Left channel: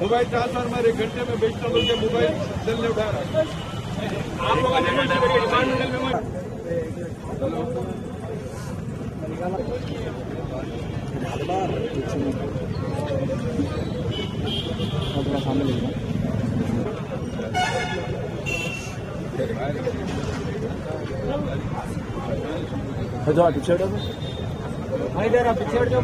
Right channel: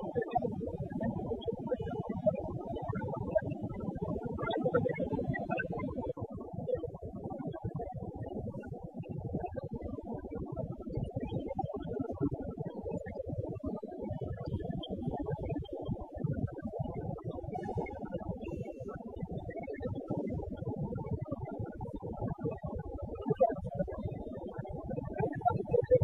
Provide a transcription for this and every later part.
Mobile transformer 1 घंटे में बेचता बोल के मोबाइल सेल ने उठा रहा है। आप लोगों ने डिपार्टमेंटल में थोड़ा सामने ले जाओ पीछे हटो इधर आप पीछे हट जाओ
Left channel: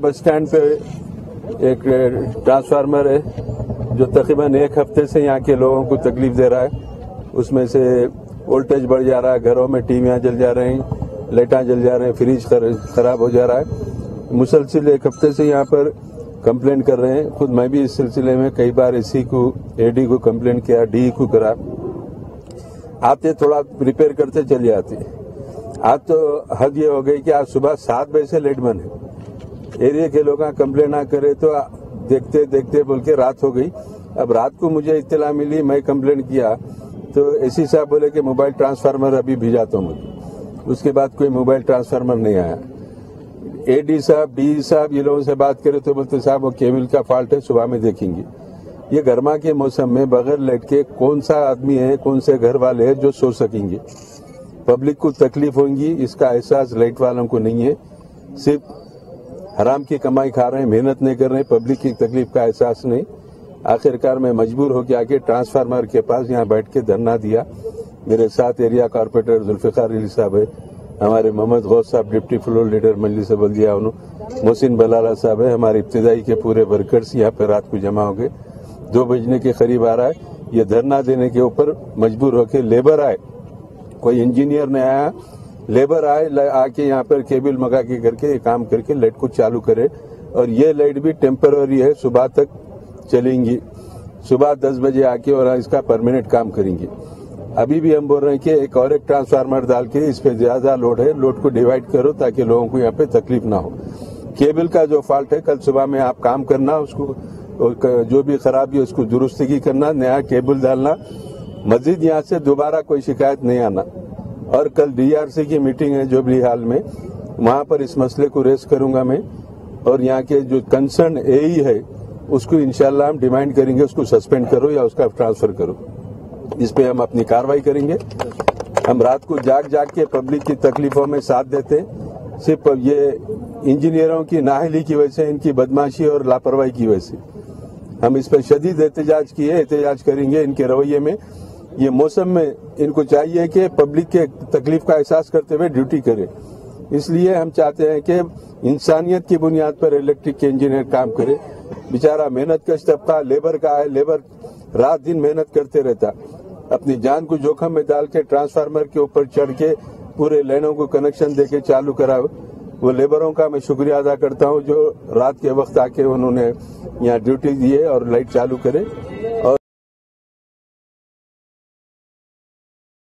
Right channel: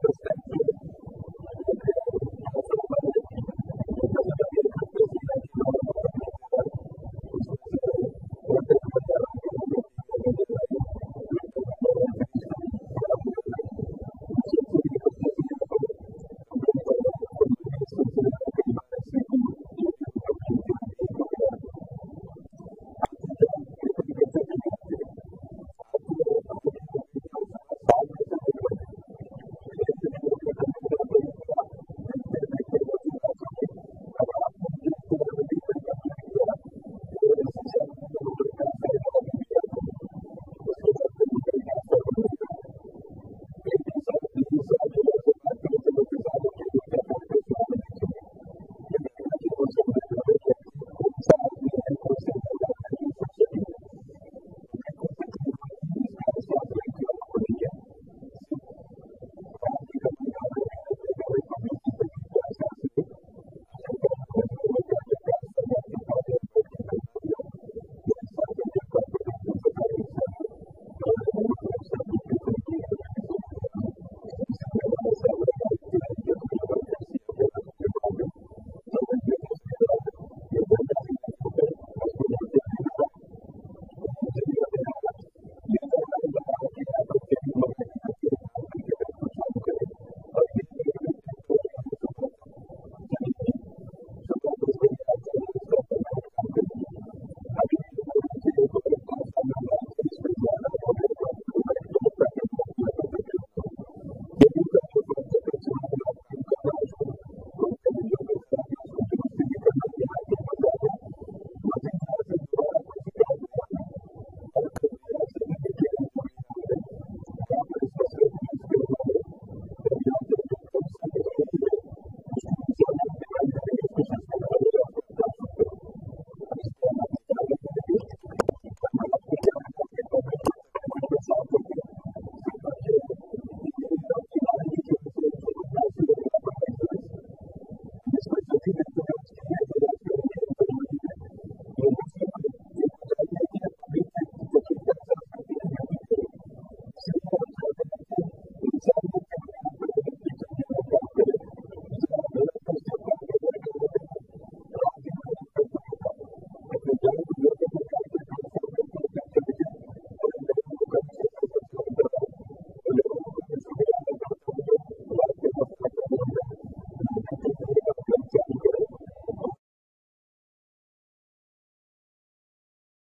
बस स्टैंड पे एक ट्रांसफार्मर है जो तकरीबन 1 हफ्ते से यहाँ के लोगों को तकलीफ दे रहा है। उसमें से वोल्टेज बढ़ जा रहा है, घरों में टीवियाँ जल जा रही हैं, लाइटां जल जा रहे हैं, फ्रिज खराब हो जा रहा है। मुसलसिल 1 हफ्ते से यहाँ पर कंप्लेंट कर रहे हैं। खुद मैं भी इस सिलसिले में कई बार एसी को, एडी को कंप्लेंट किया, डी को करा। आते थोड़ा रिपेयर करते चले आते। आज तो हद ये हो गई कि आज सुबह 7 बजे से लाइट बंद है। एरिया के लोग कंप्लेंट ना करे तो देखते देखते बोल के रात हो गई। अब रात को मुझे इत्तला मिली, मैं कंप्लेंट किया तो एसी साहब बोले कि मोबाइल ट्रांसफार्मर अभी भिजाता हूँ मुझे। उसके बाद कोई मोबाइल ट्रांसफार्मर नहीं आया। एडी साहब, डी साहब ये लोगों से बात करे तो बोलते साहब वो केबल का फॉल्ट है, सुबह में देखेंगे। ये गर्मा के मौसम में बगैर लाइट के कौन सा आदमी है, कौन से घर वाले हैं जो सो सकेंगे। पब्लिक को तकलीफ होगी, इसका एहसास लाइट वालों को नहीं है। सिर्फ हराम की कमाई खा रहे हैं, मेहनत नहीं कर रहे हैं, पब्लिक की तकलीफ का एहसास नहीं। आखिरकार मैं मजबूर होकर आके ट्रांसफार्मर के पास यहाँ बैठ के धरना दिया। मेरे साथ एरिया कॉर्पोरेटर जुल्फिकार अली साहब है, हमारे मोहम्मद गौस साहब डिप्टी फ्लोर लीडर मजलिस बल्दिया, मोहसिन बलाला साहब है, हमारे इब्तिदाई के पूरे वर्कर्स यहाँ पे रात को जमा हो गए। 2 बजने के करीब आ रहा है। ये धरना देने के ऊपर मजबूर होकर लेबर आए, कोई इंजीनियर नहीं आया, लेबर आए आके यहाँ पर केबल मगा के करके काम करके लाइट को चालू करे। और ये लाइट भी टेम्पररी है, सुबह तक चलेंगी। सुबह 10 बजे आके और इसका परमानेंट काम करेंगे। अभी भी हम बोल रहे हैं कि एक और ट्रांसफार्मर डाल के इस पे ज्यादा लोड है, लोड को डिवाइड करो ताकि लोगों को यहाँ पे तकलीफ ना हो। केबल का जो फॉल्ट है कल सुबह में आप काम करना, उसको जो भी खराबी है उसको दुरुस्ती की करना, नया केबल डालना। मस्जिद यहाँ से दोबारा कोई शिकायत नहीं आना। और कल डीआरसी की मीटिंग है जुबली हाल में, वहां पर इस मसले को रेस करूंगा मैं। और यहाँ के जो कंसर्न एई है उसको इंशाल्लाह हम डिमांड करेंगे, उसको सस्पेंड करो या उसका ट्रांसफर करो। इस पे हम अपनी कार्रवाई करेंगे। हम रात को जाग के पब्लिक की तकलीफों में साथ देते हैं। सिर्फ ये इंजीनियरों की नाअहली की वजह से, इनकी बदमाशी और लापरवाही की वजह से हम इस पर शदीद एहतजाज करेंगे। इनके रवैये में, ये मौसम में इनको चाहिए कि पब्लिक के तकलीफ का एहसास करते हुए ड्यूटी करे। इसलिए हम चाहते हैं कि इंसानियत की बुनियाद पर इलेक्ट्रिक के इंजीनियर काम करे। बेचारा मेहनत कश तबका लेबर का है, लेबर रात दिन मेहनत करते रहता, अपनी जान को जोखम में डाल के ट्रांसफार्मर के ऊपर चढ़ के पूरे लाइनों को कनेक्शन देके चालू करा। वो लेबरों का मैं शुक्रिया अदा करता हूँ जो रात के वक्त आके उन्होंने यहाँ ड्यूटी दी है और लाइट चालू करे।